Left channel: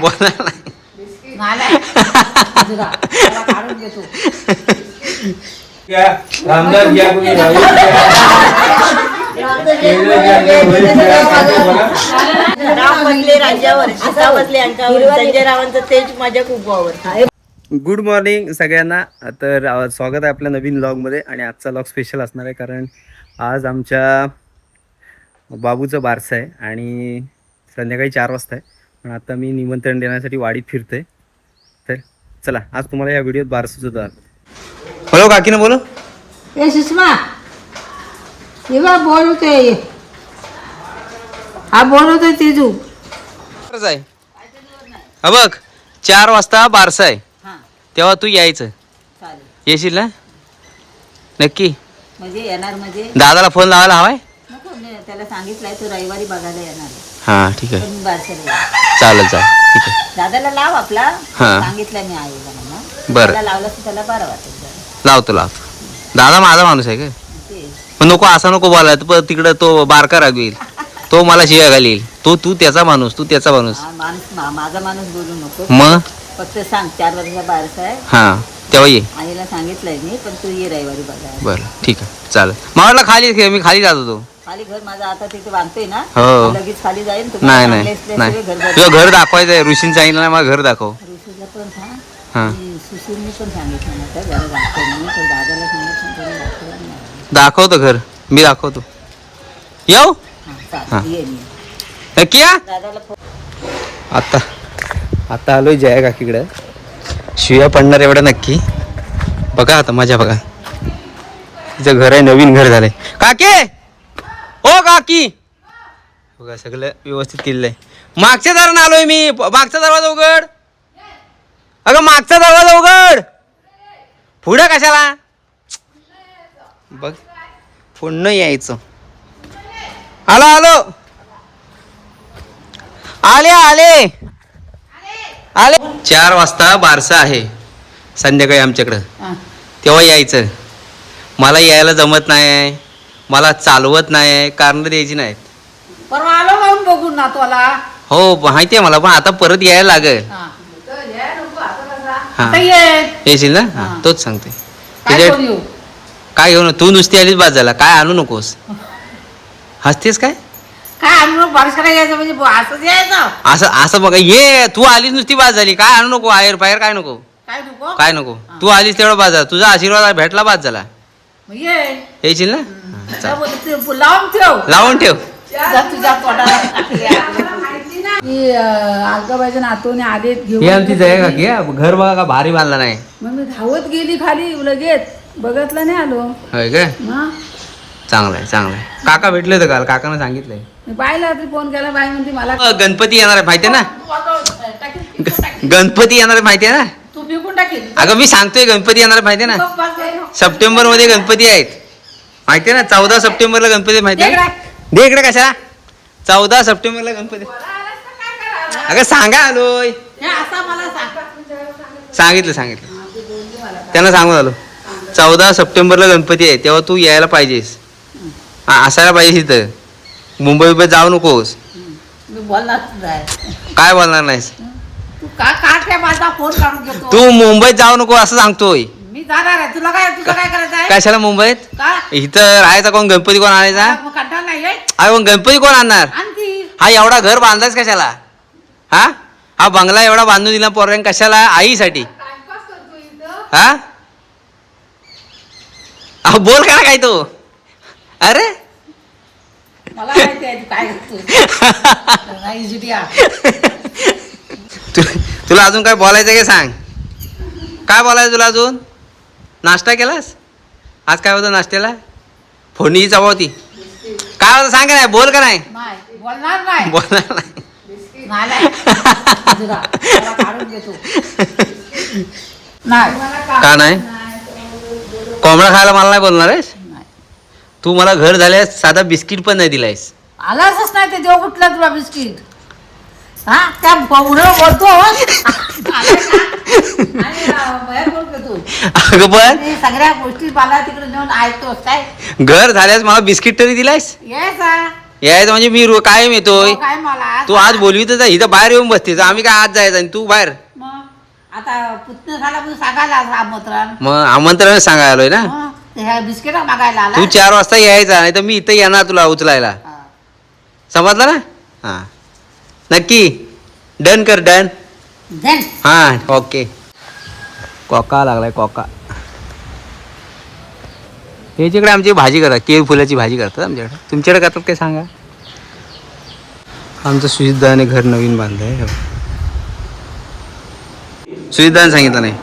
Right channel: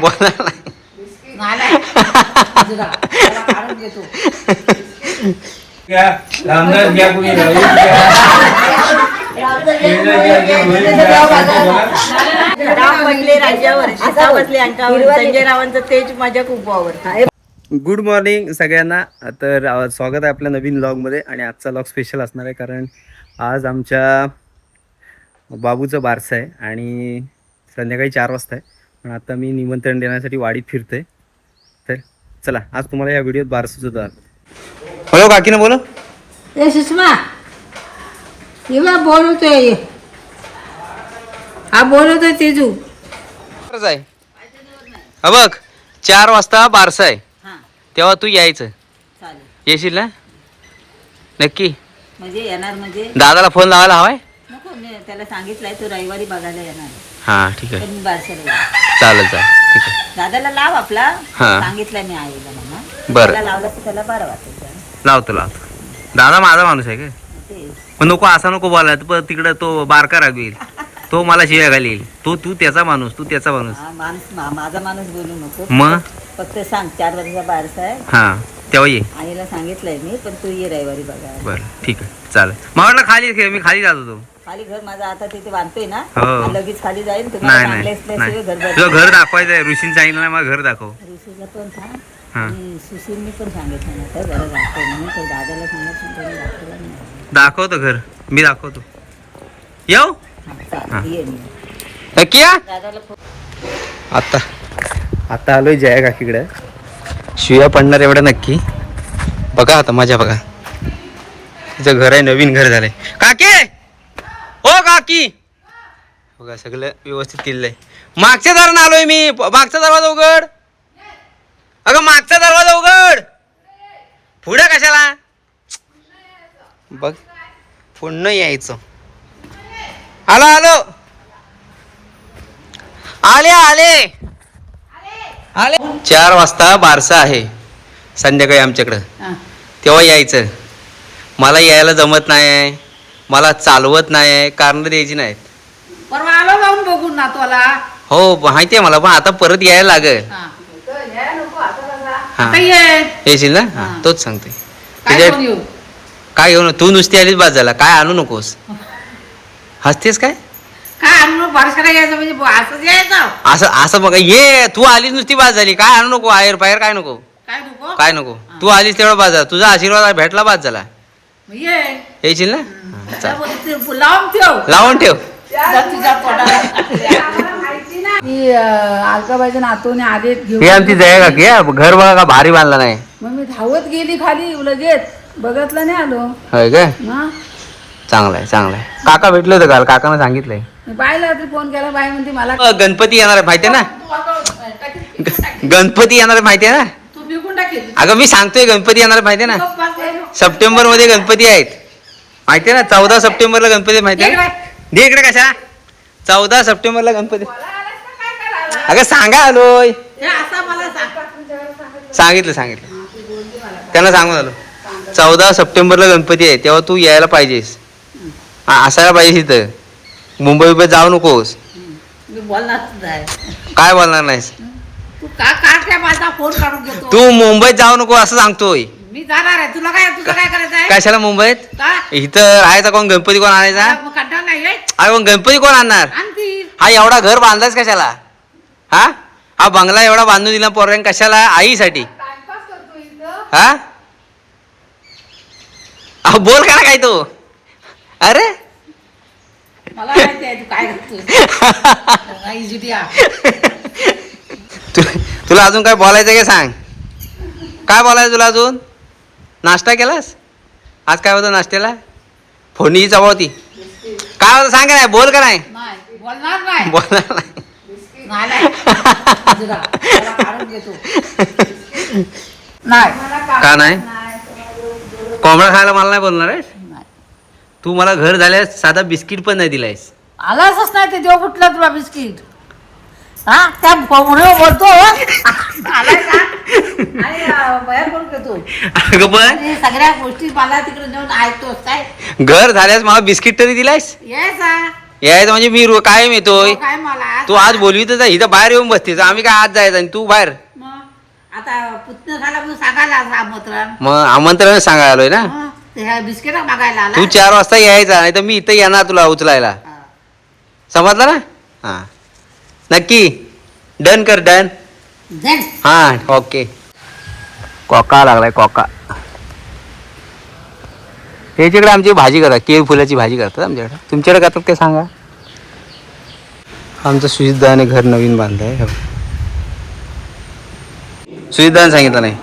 बोलणार नाही. Good morning सगळ्यांना. तर स्वागत आहे आपल्या नवीन व्लॉगमध्ये. आणि आजचा व्लॉग स्पेशल असणार आहे कारण आज आमच्या बाबूचं बारसं आहे आणि संध्याकाळी 4 वाजता आहे. पण आता मी निमंत्रण देण्यासाठी वाडीत फिरतोय. तर चला, आज तुम्हाला या व्हिडिओत बारसं सुद्धा. हॅलो काकीनं बोलो. ए सुषमा येवा बोलतोय. हा बोलतोय तेजू. आहे हा बघ, 4 वाजता बारसं आहे. तेव्हा तू यायचं. येशील ना नक्की? म्हणजे येणार म्हणजे दादाला फोन लावायला हवाय. नको, मी त्याला सांगितलंय तो रविवारी बघायला येणार आहे. हा ठीक आहे, पण मी बारशाला येणार. चालेल चालेल ठीक आहे. दादाला लाव आपला. हा. सांगितलंय मी आईला म्हणा. बरं. त्याला लावलं तर त्याला बरं वाटेल जरा. लावतो. दादा माझा माणूस आहे का? ते पण नको असा नको बोलायला. पण तिकडे तो बारका रागवेल. तो मला शिव्या घालील. तू त्याचा माणूस, तू त्याचा माणूस. हा, माझा माणूस बोलू नको. मग फक्त सांग 4 वर्षाचा बारसा आहे. हा तेव्हा ये. आईला सांगितलंय मी, पण तू ये रविवारी बघायला. बरं ठीक आहे चालेल. मला वाटलं खाली, मी खाली जात होतो. खाली घर माझं आता तिथे बांधतोय ना. हो. लगेच खाली जाईल. नाही नाही तुझं घर दाखवायचं आहे. ऋषीने सांगितलं ना मला घर दाखव. ऋषीला पण सांग. हा आणि सुशीलने पण सांगितलं ना तर जरा दाखव म्हणून. तर दादाला सांगितलं त्याने दाखवलं नाही. दाखवतो घर, मी दाखवतो. येऊ हा, चालेल, ये मी. नक्की या. दादाला आता आलोय जया काकीकडे. शिव्या पडणार एवढ्या नक्की. बघा आता माझ्या बघा, तिचं घर आहे, नवीन घर झालंय. काकी ओ काकी बघा, सगळं व्यवस्थित केलेलं आहे. मागच्या दारानं आलोय मी. मागचा दरवाजा उघड. अगं मागचा दरवाजा उघड. पुढे कशाला बघ, पुढं यायचं. आलो आले 4 वाजता बारसा आहे संध्याकाळी आमच्याकडं. हा. तेव्हा यायचं. मला यायला जमत नाही, मला चालवत नाही, कारण द्यायची नाहीत. परवा आलो जाऊन बघून ना तुला. हो माहिती आहे मला, पण आता परत यायला लागेल. हा. हा आता ये. येशील ना? हा हा. तोच सांगते. काय कोण येऊ? काय घेऊन तू नुसती आलीच बाद झाला. काय आणू नकोस. हसतेस काय? काय आणून बारशाला यायचं म्हणजे असंच यायचं. असं बघा, ये तू आलीच नुसती बाद झाली. काय आणू नको, आयर बाहेर काय नको. काय नको? काय नको. तू आलीस तेवढा बाद झाला. तुझा आशीर्वाद भेटला बाद झाला. मग ये. येशील ना? हा, चालेल. लावून ठेव. लावून ठेव. जा तुझ्या तोंडाला. मी आजोबाच्या नातूने आले घेऊन. ही आमची जया काकी आहे. घर बघा का भारी बांधला नाही. मग मी धावत गेली खाली लगेच. बघतलं नाही आलो. होय काय? हा. चांगलं आहे. काका भेटले होते काल. काकानं सांगितलंय. मी बाईला रात्री फोन केला. बाई म्हणते मला गणपती येणार आहे माहितीये ना? गणपती येणार आहे माहितीये ना? तू विकून टाकेल. अगं मी सांगतोय गणपती येणार आहे माहितीये ना? सप्टेंबर मध्ये गणपती आहेत माहितीये ना? 14 सप्टेंबरला गणपती माहितीये ना? दे इकडे कशा. 14 सप्टेंबरला गणपती. अगं सांगा आलोय. सांगितलं त्यांना सांगून आलो. 14 सप्टेंबरला गणपती आहे, तेव्हा तू यायला पाहिजेस. असायला पाहिजे इथं. मुंबई जाऊ नकोस. काय बोलणार नाहीस तू का काय माझा फोन काढून घेतो. तू मुंबईत जाऊ नको असं सांगतोय. मी जाणार आहे. तुला काय तुझं काय करायचं आहे? कशाला मुंबईत? का? इथं राहायचा कोण? गणपती कोण आणायचा? मग कंटाळा नाही आहे? अरे मग गणपती कोण आणणार? आणतील. हा एवढा घर बांधायच कशाला? हा बंगला एवढा बांधून दिला पोरांनी कशाला? आईसाठी. हा बोल का काय तू? अरे मला माहिती आहे तू काय करतोय. तुला अजून काय बोलायचं काय? सांग काय बोलायचं तुला अजून. नाश्ता केलास? आज काय होतं नाश्त्याला? फोडणीची चव होती. काय होतं सांग नाही. बोल का नाही? बोलणार नाही. बोलणार नाही. का नाही? कोंबडा खायला मला नाही बोलणार आहेस तू? मला घर झाल्यास साधा बिस्किट पण नाही दिलायस. आलाच नाही ते देव कुठला तुला बिस्किट. हा त्या बोलतो. अगं पण सगळ्या गोष्टी मला तिकडे नेऊन ऐकतोस काय? घर झाल्यास मला बिस्किट तरी दिलायस. यायचं म्हणजे मी कायम येतोय. हो, काय मला तू आज बोलवी तर इथं बाहेर येऊन बसते आम्ही काय आज जायचं आणि तू बाहेर. मग आता पुतणं झाला म्हणून सांगायला आमंत्रण. मग आमंत्रण सांगायला आलोय ना. मग ते ह्या बिस्किट मागायला आला. तू 4 वाजता यायचा नाही तर मी इथं येणार तुला उचलायला. हा. समजलं ना. हा नक्की डन कर डन. Then, हा ओके. कोका लागलाय कोका. याच्याकडे आमची भाजी करतात केळी फुलाची भाजी करतात आमच्याकडे. तुमच्याकडे करतात काय सांगा. आमचं सुजितदाने घर नवीन बांधलंय. सुजितदाने सांगितलं नाही.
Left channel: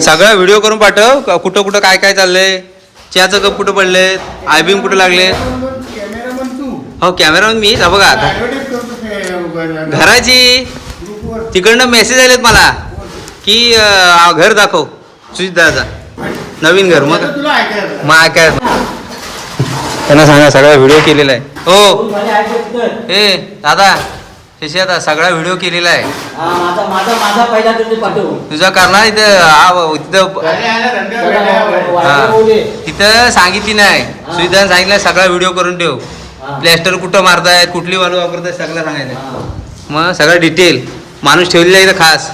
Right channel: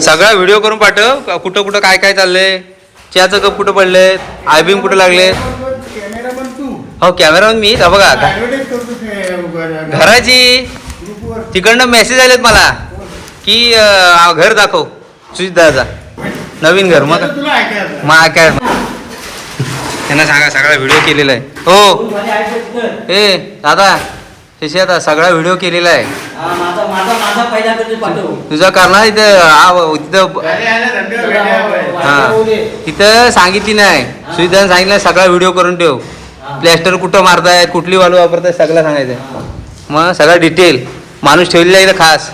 सगळा व्हिडिओ करून पाठव कुठं कुठं काय काय चाललंय. चहाचं कप कुठं पडले आयबीम कुठं लागले. हो कॅमेरामॅन मी बघा आता घराची तिकडनं मेसेज आलेत मला की घर दाखव सुजितदाचा नवीन घर. मग काय त्यांना सांगा सगळा व्हिडिओ केलेला आहे. हो हे दादा त्याची आता सगळा व्हिडिओ केलेला आहे. तुझा करणार इथं हा तिथं सांगितली नाही. सुविधा सांगितलं सगळा व्हिडिओ करून ठेव. प्लॅस्टर कुठं मारतायत कुठली वालू वापरतायत सगळं सांगायचं. मग सगळं डिटेल माणूस ठेवलेला आहे इथं खास.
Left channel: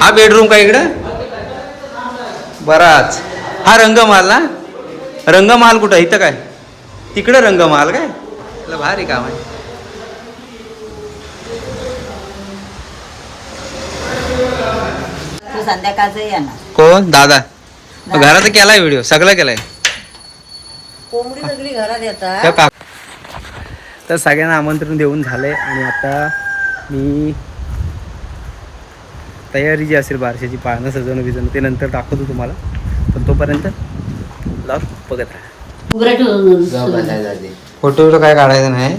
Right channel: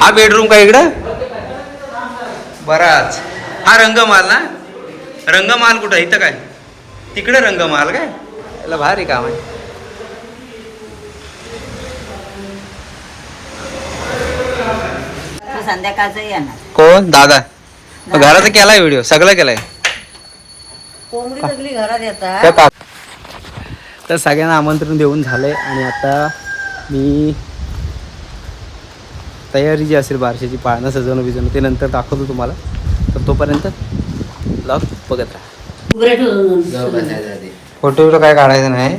हा बेडरूम का इकडं बराच. हा रंगमहाल ना. रंगमहाल कुठं इथं काय तिकडं रंगमहाल काय याला भारी काम आहे. तू संध्याकाळचं येणार. कोण दादा घराचा केलाय व्हिडिओ सगळं केलाय. कोंबडी सगळी घरात येतात. त्या काक तर सगळ्यांना आमंत्रण देऊन झालंय आणि आता मी तयारी जी असेल बारशाची पाळणं सजवणं बिजवणं ते नंतर दाखवतो तुम्हाला. तर तोपर्यंत ब्लॉग बघत राहा. फोटो काय काढायचं नाही.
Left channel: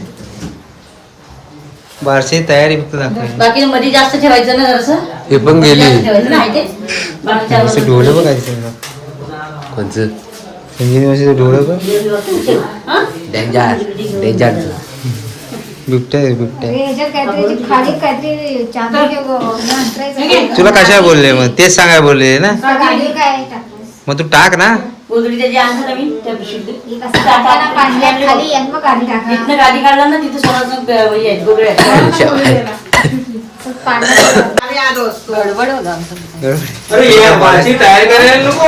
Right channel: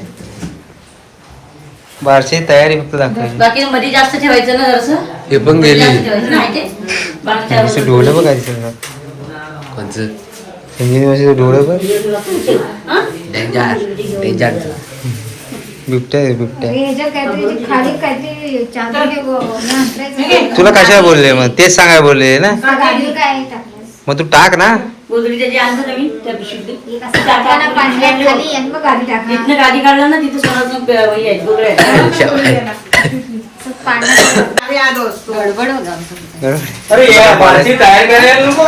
बारशी तयारी फक्त दाखवायची. बाकी मध्ये जास्त ठेवायचं ना जरासं. हे पण गेली ठेवायचं डोळं बघायचं डोळं बघ बिबट्या तुला कशा बोलले मग तेच सांगाय बोलले ना. मग तू टाक ना. गाडी काढला ना तिथे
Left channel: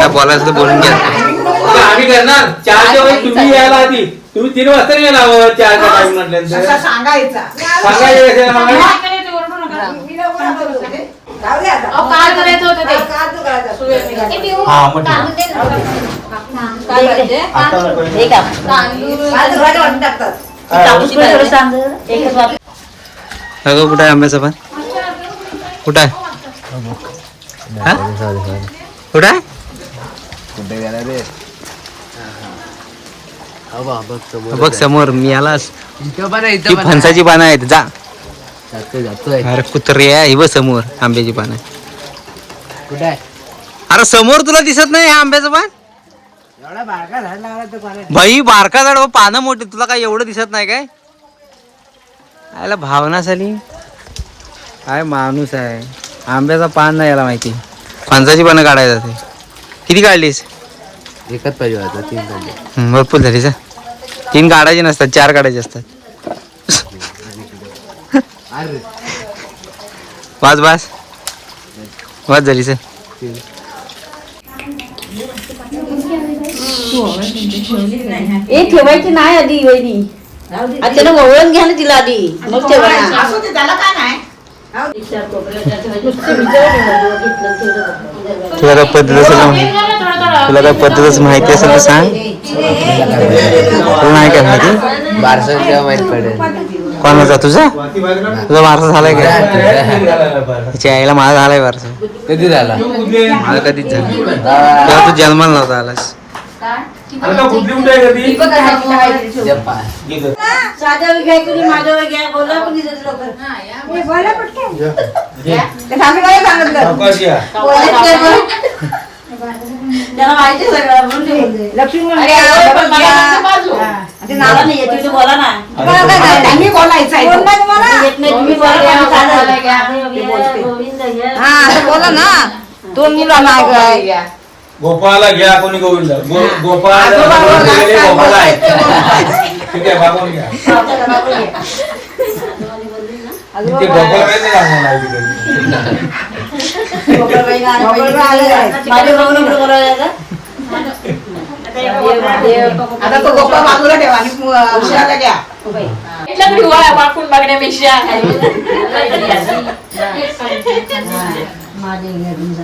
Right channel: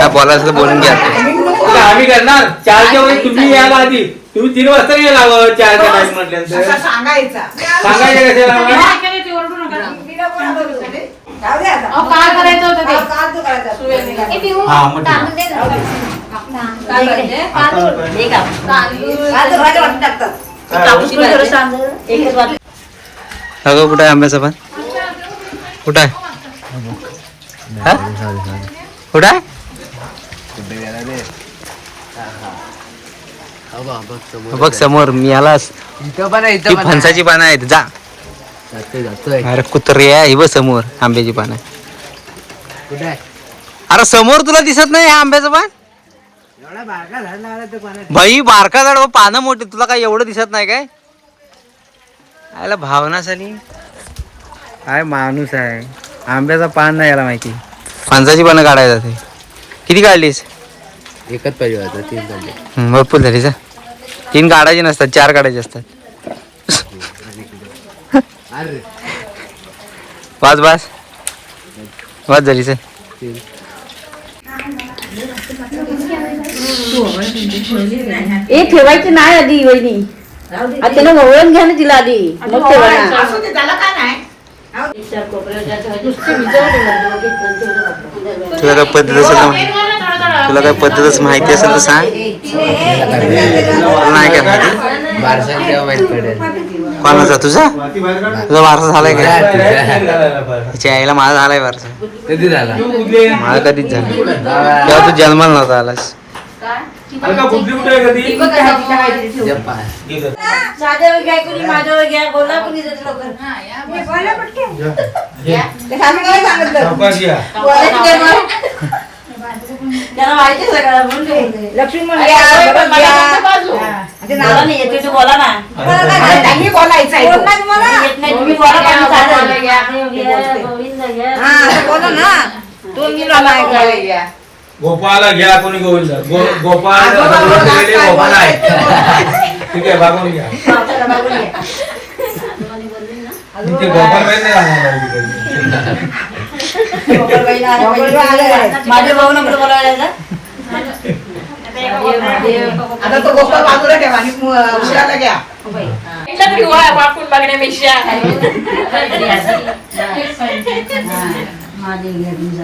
बोलायचं बोलून घ्या. आम्ही करणार 4च्या वेळी तुम्ही यायला आधी. तुम्ही 3 वाजता नाही यायला 4च्या टाइम म्हटल्यानंतर सांगायचं काय करायचं होतं ते. हा मग अगं कुठं आहे आंब्याचं पण कुठं आहे कुठं आहे. बघ समोर मी आलास ती फणसाची पानं आहेत जा. अरे कुत्रे आहे ही बघ समोर आंब्याची पानं. अरे समोर तुला दिसत नाही हा आंब्याचं पान. भाई बारका झाड पानं मोठी तुला काय एवढं दिसत नाही काय. आयला भावना झाली काय माणूस आहे. आंब्याचा पान नाही याला माहिती. फणसाची पानं काढायला ते किती काढलीस. एकच पाहिजे होता 3 काढले. भरपूर झाली जा. 3 काढायचे नसतात 4 काढायचे असतात. वाज वाज वाज झाली सर. ठेवायची नाही आधी वहिनी. त्याने वळून घ्या ना तिला आधी मग तुला काय पद्धत असेल तुला काय पद्धतच माहिती असेल तर सांग. तुला नाही काय माहिती. बारसा माहिती पडेल कोणाचा तुझा तुझा वारसा झालाय का. त्याच्या आईला माझा झालाय वारसा. कधी झाला. मला कधीच झाला तेव्हा तू जन्माला नव्हता आलास. लक्ष्मी नाला नाही येते तू बोला ना. बोला ना 2 मुलं नाही. गोपाळला घ्या कोणी गोविंद गोपाळ गोपाळ आहे ठीक आहे बाबून घ्या ते गोपाळ माहिती माझ्या बघून आपलं बोलायला आता तो गोपाळ बाजूला ठेवा आणि उशिराला घ्या वाकून बघण्यापेक्षा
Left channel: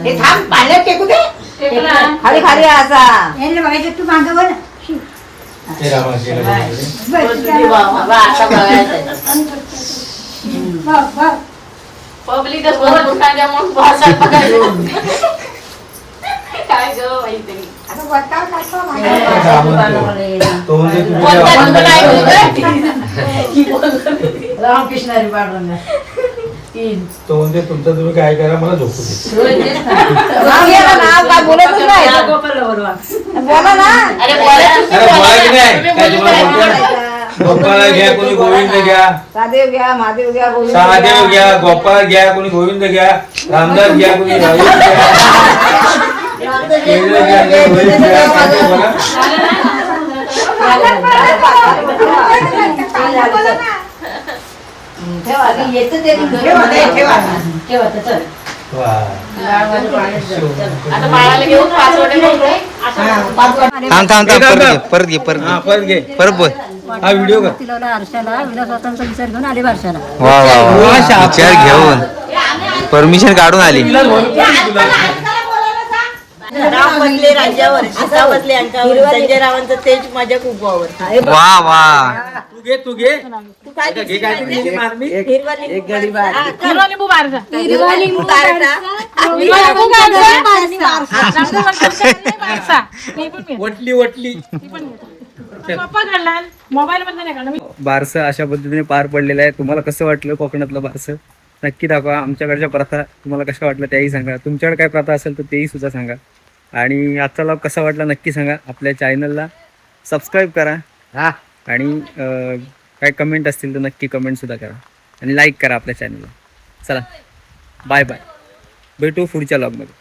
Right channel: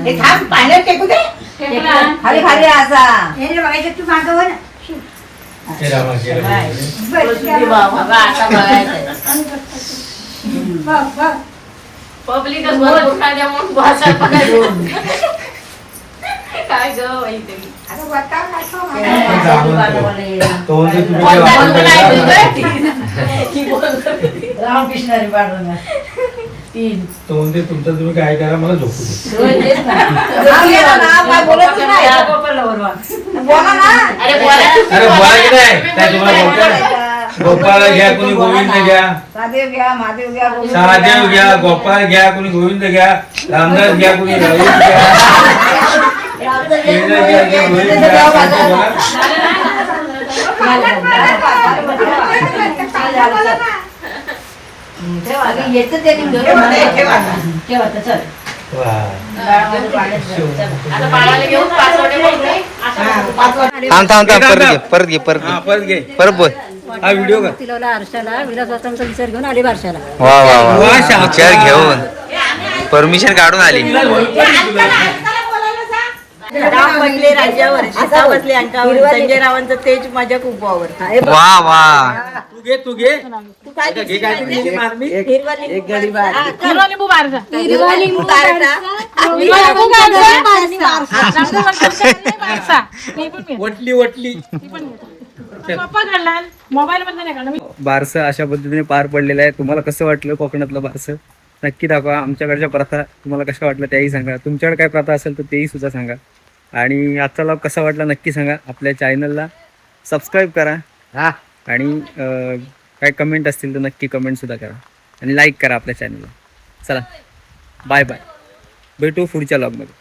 हे थांब पाण्यात टेकू दे खाली खाली असा तू मागं वर पब्लिकच भरपूर त्यामुळे भाषा बघायला काय ग माहिती रामकृष्ण हरी पांडुरंगा तो म्हणजे तुमचं तुम्ही काय करा मला झोपू दे बोला ना अरे बोला तू अरे बोला की नाही काय तुम्हाला बोलतो ना गोपाळ घ्या कोणी गोविंद घ्या सादेव घ्या महादेव घ्या सहादेव घ्या गोपाळ घ्या कोणी गोविंद घ्या रामदास घ्या कोणी रवीश घ्या केंद्र घ्या रोहित घ्या काय तुम्हाला येते ते ठेवा चल वा. आता बाळाला घेऊन पाचवडे परत घे हा, परत घे परत बोल हा व्हिडिओ का तिला आरशाला विलासवासांचा विचार घेऊन आली बारशाला वा वा वा विचार घेऊन परमिशन काढून आली राम बसले राज्यावर सीता बसले अंकावर संजय रावांचं तेज माझ्या खूप आवडतं वा वा तू घे घे काय तुझी मारणी एक गडी बार हिरवा लिंबू मारजा हिरवा लिंबू काढता वटली मोबाईल मध्ये नाही काढलं बारसं अशा पद्धतीने पार पडलेलं आहे. तुम्हाला कसं वाटलं कोकणातलं बारसं नक्की दाखवा. आमच्याकडच्या प्रथा तुम्हाला कशा वाटल्या त्याही सांगा. तुमच्याकडे काय प्रथा असेल तर तेही सुद्धा सांगा. आणि आजचा व्लॉग कसा वाटला नक्की सांगा. आपल्या चॅनलला सबस्क्राईब करा आणि काय कमेंट असतील तर नक्की कमेंटसुद्धा करा आणि लाईक करा आपल्या चॅनलला. चला बाय बाय, भेटू पुढच्या व्लॉगमध्ये.